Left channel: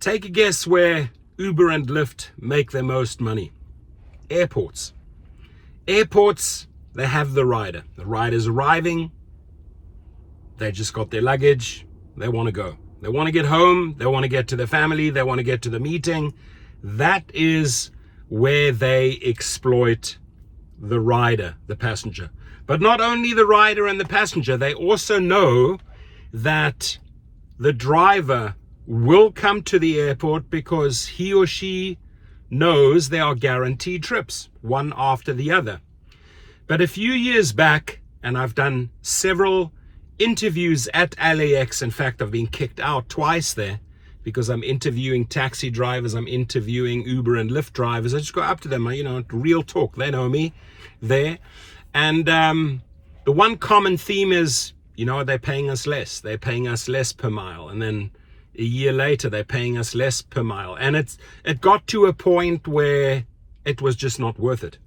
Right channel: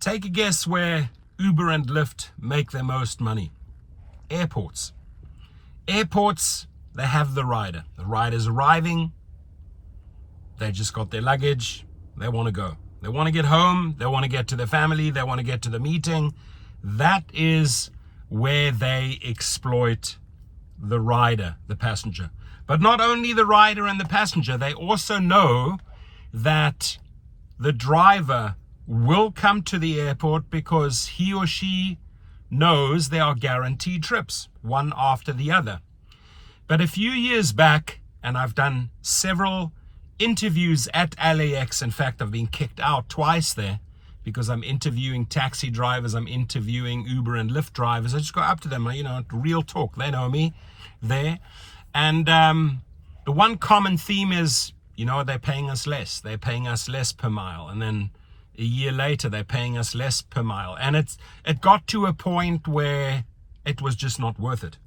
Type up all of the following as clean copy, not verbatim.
Take a guess where Uber and Lyft make their most money. Airports. Airports, they have the rider. The rider's arriving. They just got their luggage. They want to go. They want to get home. They want to get to their family. They want to get to the meeting. That is where they exploit the rider, the passenger. But not only the rider and the passenger, they also know that the driver will come to the airport because he or she knows there are guaranteed trips, one after the other. But a few years back, and I've done several interviews at LAX. In fact, I've been kicked out twice there because I'm interviewing taxi drivers, I'm interviewing Uber and Lyft drivers. I just go up to them, real talk. They know me there. And the one common theme is, they're paying us less. They're paying us less per mile. And then a year later, they're paying us less per mile. And it got to a point where it was just not worth it.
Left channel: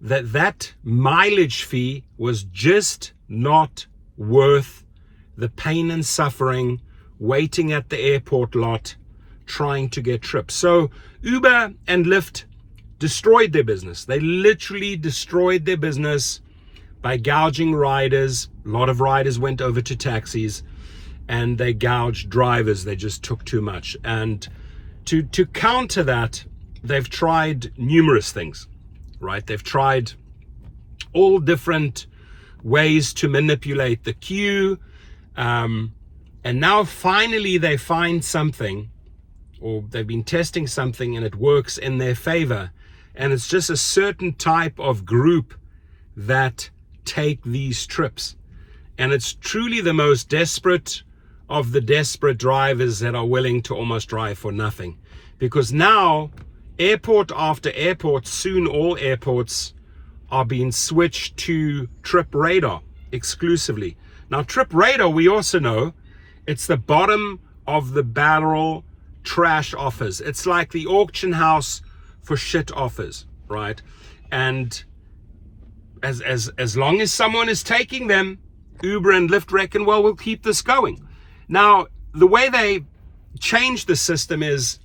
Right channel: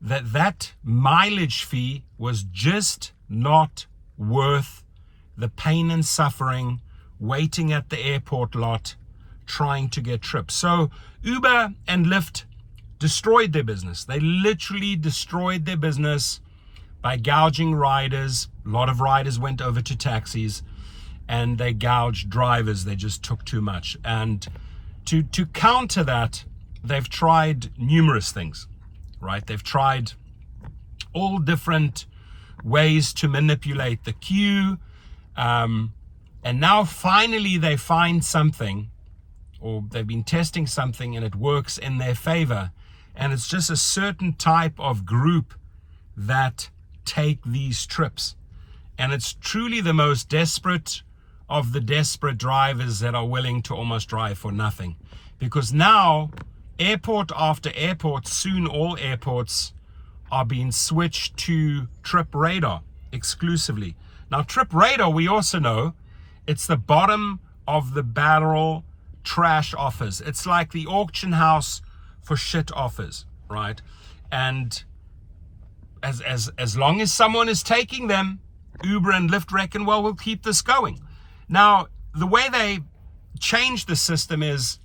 That mileage fee was just not worth the pain and suffering waiting at the airport lot trying to get trips. So Uber and Lyft destroyed their business. They literally destroyed their business by gouging riders. A lot of riders went over to taxis and they gouged drivers. They just took too much. And to counter that, they've tried numerous things, right? They've tried all different ways to manipulate the queue. And now finally they find something, or they've been testing something and it works in their favor. And it's just a certain type of group that take these trips. And it's truly the most desperate of the desperate drivers that are willing to almost drive for nothing. Because now, airport after airport, soon all airports are being switched to Trip Radar exclusively. Now, Trip Radar, we also know, it's the bottom of the barrel trash offers. It's like the auction house for shit offers, right? And as long as someone is taking them, Uber and Lyft reckon, well, we'll keep this going. Now, the way they change the system is,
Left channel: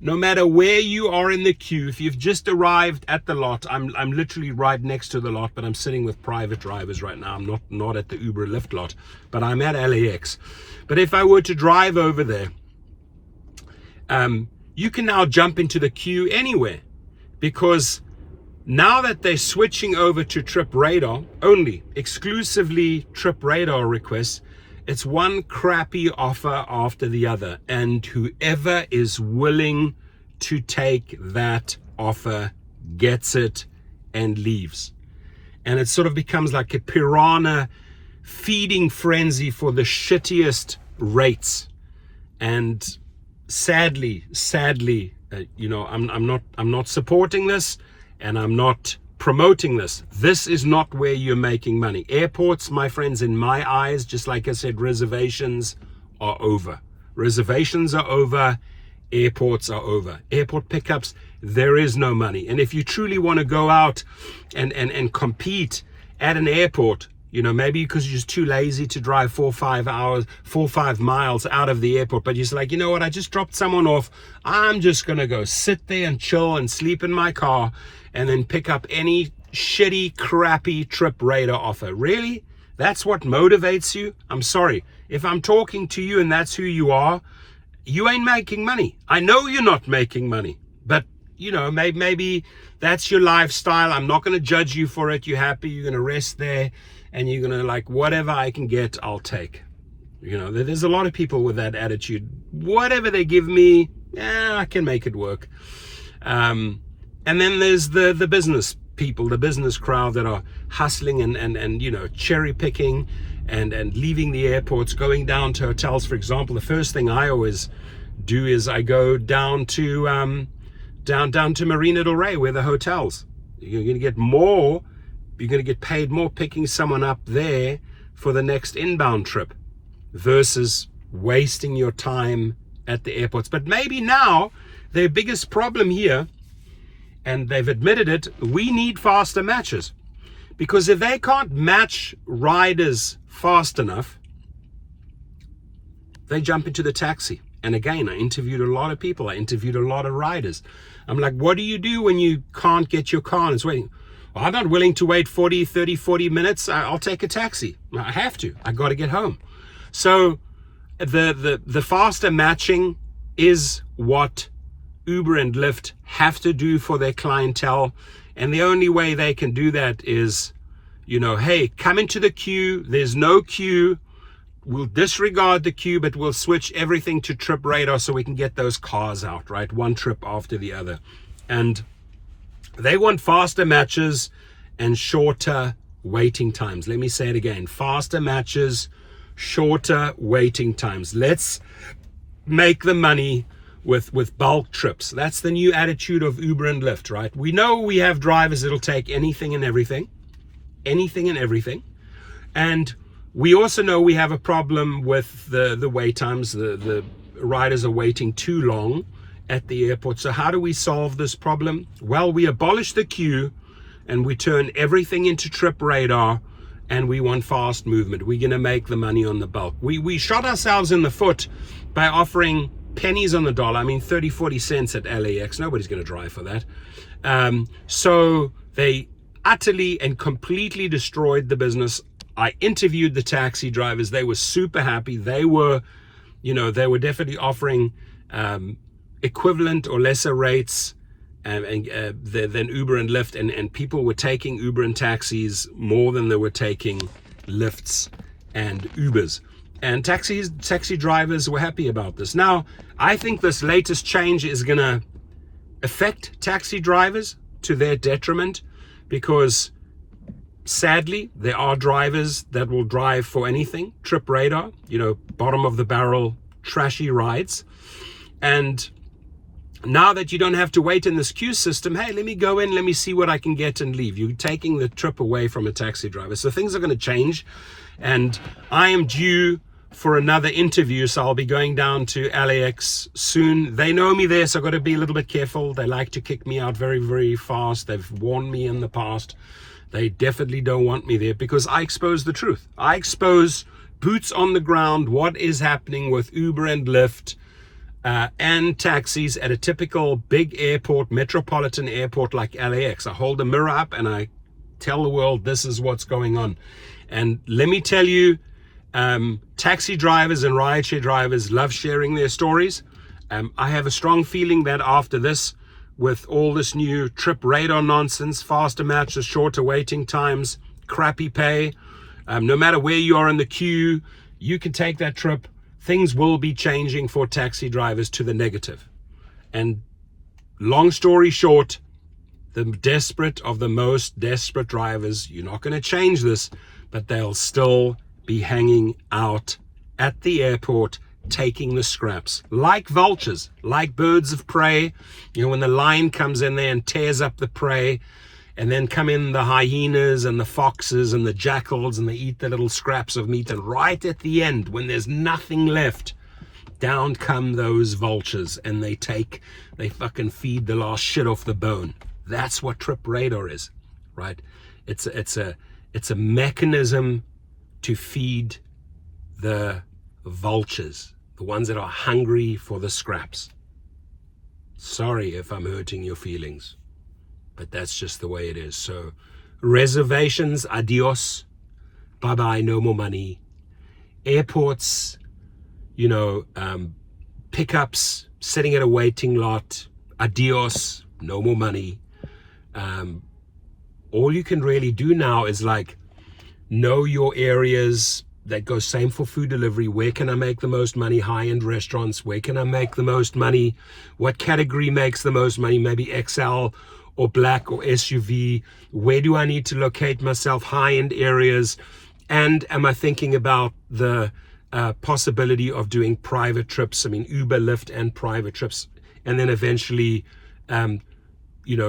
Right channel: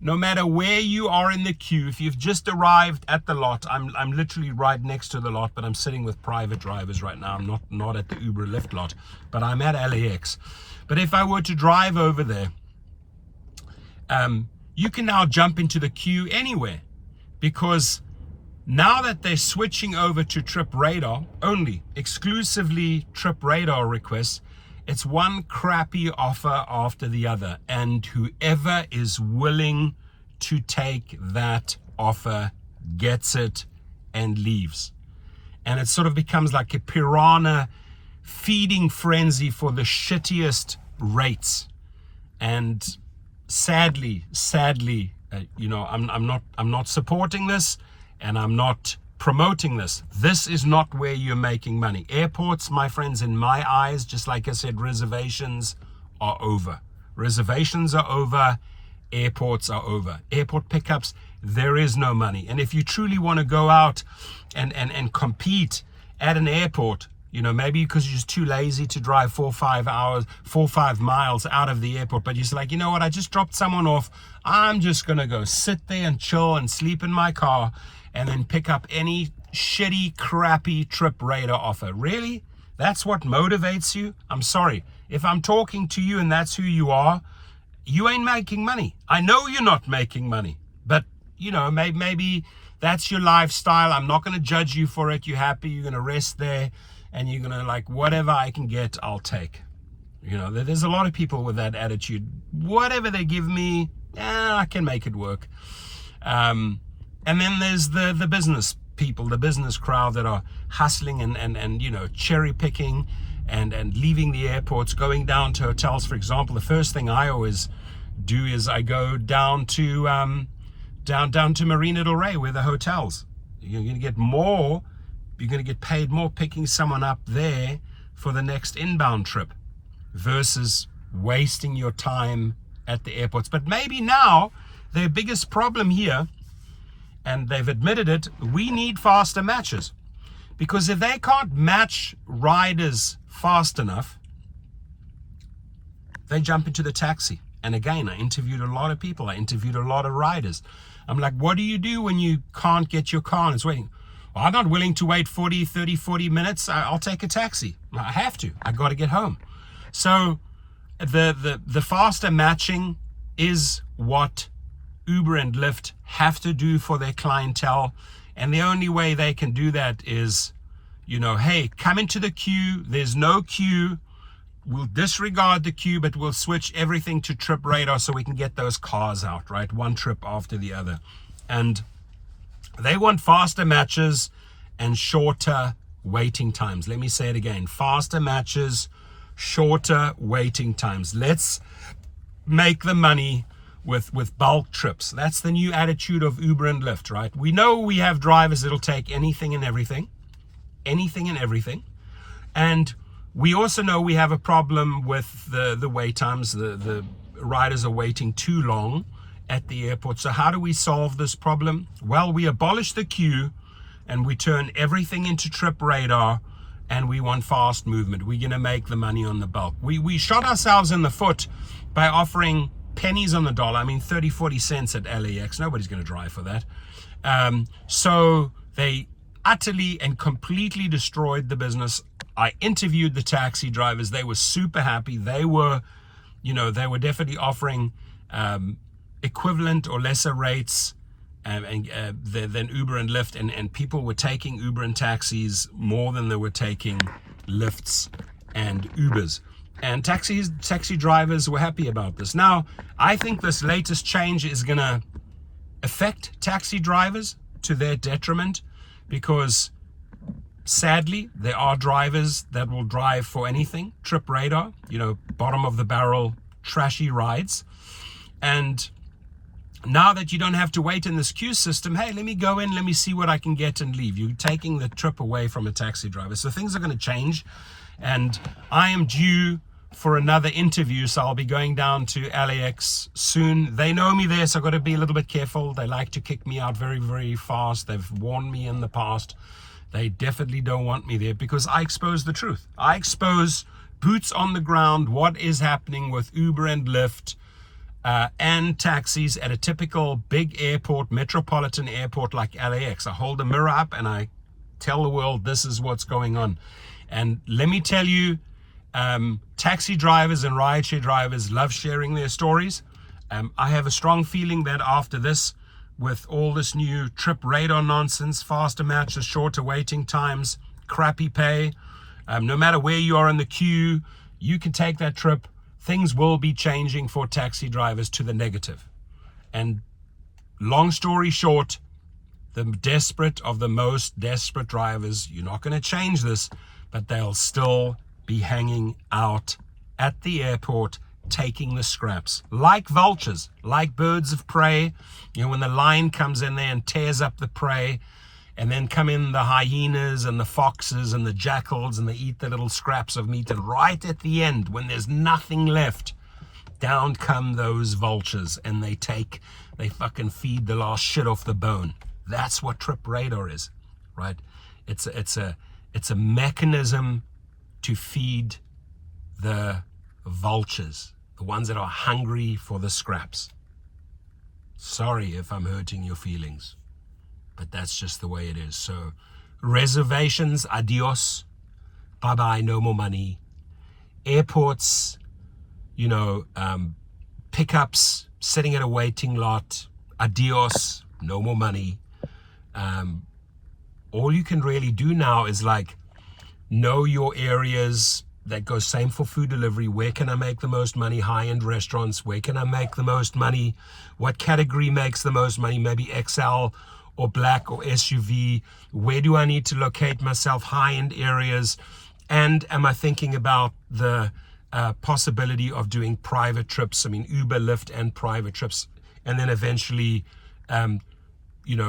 no matter where you are in the queue, if you've just arrived at the lot, I'm literally right next to the lot, but I'm sitting with private drivers right now. I'm not at the Uber Lyft lot, but I'm at LAX. But if I were to drive over there, you can now jump into the queue anywhere, because now that they're switching over to Trip Radar, only exclusively Trip Radar requests, it's one crappy offer after the other, and whoever is willing to take that offer gets it and leaves. And it sort of becomes like a piranha feeding frenzy for the shittiest rates. And sadly, I'm not supporting this, and I'm not promoting this. This is not where you're making money. Airports, my friends, in my eyes, just like I said, reservations are over. Reservations are over. Airports are over. Airport pickups, there is no money. And if you truly want to go out and compete at an airport, maybe because you're just too lazy to drive 4 or 5 miles out of the airport, but you're just like, I just dropped someone off. I'm just going to go sit there and chill and sleep in my car and then pick up any shitty, crappy Trip Radar offer. Really? That's what motivates you? I'm sorry. If I'm talking to you and that's who you are, you ain't making money. I know you're not making money, but maybe that's your lifestyle. I'm not going to judge you for it. You're happy. You're going to rest there and you're going to whatever I can get, I'll take. There's a lot of people with that attitude. Whatever they give me, I can make it work. And then there's the business people, the business crowd that are hustling and cherry picking and leaving the airports, going down to hotels. For example, the first thing I always do is I go down to Marina del Rey, where the hotels. You're going to get paid more picking someone up there for the next inbound trip versus wasting your time at the airports. But maybe now their biggest problem here, and they've admitted it, we need faster matches. Because if they can't match riders fast enough, they jump into the taxi. And again, I interviewed a lot of people. I interviewed a lot of riders. I'm like, what do you do when you can't get your car and it's waiting? Well, I'm not willing to wait 40 minutes. I'll take a taxi. I have to. I got to get home. So the faster matching is what Uber and Lyft have to do for their clientele. And the only way they can do that is, hey, come into the queue. There's no queue. We'll disregard the queue, but we'll switch everything to trip radar so we can get those cars out, right? One trip after the other. And they want faster matches and shorter waiting times. Let me say it again. Faster matches, shorter waiting times. Let's make the money with bulk trips. That's the new attitude of Uber and Lyft, right? We know we have drivers that'll take anything and everything. And we also know we have a problem with the wait times. The riders are waiting too long at the airport. So how do we solve this problem? Well, we abolish the queue and we turn everything into trip radar, and we want fast movement. We're going to make the money on the bulk. We shot ourselves in the foot by offering pennies on the dollar. I mean, 30, 40 cents at LAX. Nobody's going to drive for that. So they utterly and completely destroyed the business. I interviewed the taxi drivers. They were super happy. They were definitely offering equivalent or lesser rates than Uber and Lyft, and people were taking Uber and taxis more than they were taking Lyfts and Ubers. And taxi drivers were happy about this. Now, I think this latest change is going to affect taxi drivers to their detriment, because sadly, there are drivers that will drive for anything, trip radar, bottom of the barrel, trashy rides. And now that you don't have to wait in this queue system, hey, let me go in, let me see what I can get and leave. You're taking the trip away from a taxi driver. So things are going to change. And I am due for another interview, so I'll be going down to LAX soon. They know me there, so I've got to be a little bit careful. They like to kick me out very, very fast. They've warned me in the past. They definitely don't want me there, because I expose the truth. I expose boots on the ground, what is happening with Uber and Lyft and taxis at a typical big airport, metropolitan airport like LAX. I hold a mirror up and I tell the world this is what's going on. And let me tell you, taxi drivers and rideshare drivers love sharing their stories. I have a strong feeling that after this, with all this new trip radar nonsense, faster matches, shorter waiting times, crappy pay, no matter where you are in the queue, you can take that trip. Things will be changing for taxi drivers to the negative. And long story short, the desperate of the most desperate drivers, you're not going to change this, but they'll still be hanging out at the airport, taking the scraps like vultures, like birds of prey. When the lion comes in there and tears up the prey, and then come in the hyenas and the foxes and the jackals, and they eat the little scraps of meat, and right at the end, when there's nothing left, down come those vultures and they fucking feed the last shit off the bone. That's what trip radar is, right? It's a mechanism to feed the vultures, the ones that are hungry for the scraps. Sorry if I'm hurting your feelings, but that's just the way it is. So reservations, adios, bye-bye, no more money. Airports, pickups, sitting at a waiting lot, adios, no more money. All you can really do now is know your areas. That goes same for food delivery. Where can I make the most money? High-end restaurants. Where can I make the most money? What category makes the most money? Maybe XL or black or SUV. Where do I need to locate myself? High-end areas. And am I thinking about the possibility of doing private trips? I mean, Uber, Lyft, and private trips. And then eventually,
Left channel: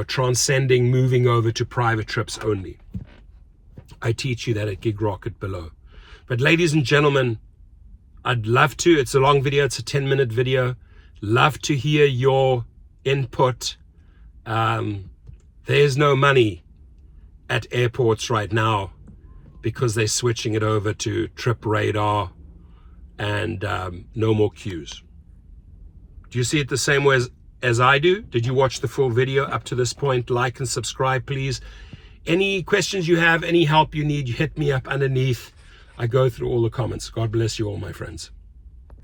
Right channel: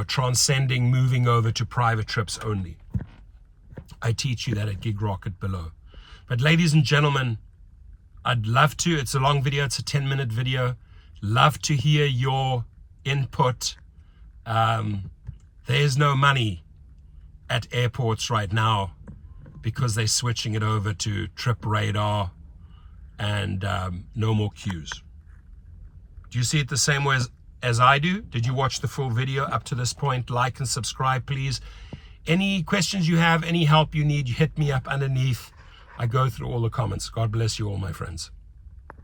transcending, moving over to private trips only. I teach you that at Gig Rocket below. But ladies and gentlemen, I'd love to, it's a long video, it's a 10-minute video, love to hear your input. There's no money at airports right now because they're switching it over to trip radar and no more queues. Do you see it the same way as I do? Did you watch the full video up to this point? Like and subscribe, please. Any questions you have, any help you need, you hit me up underneath. I go through all the comments. God bless you all, my friends.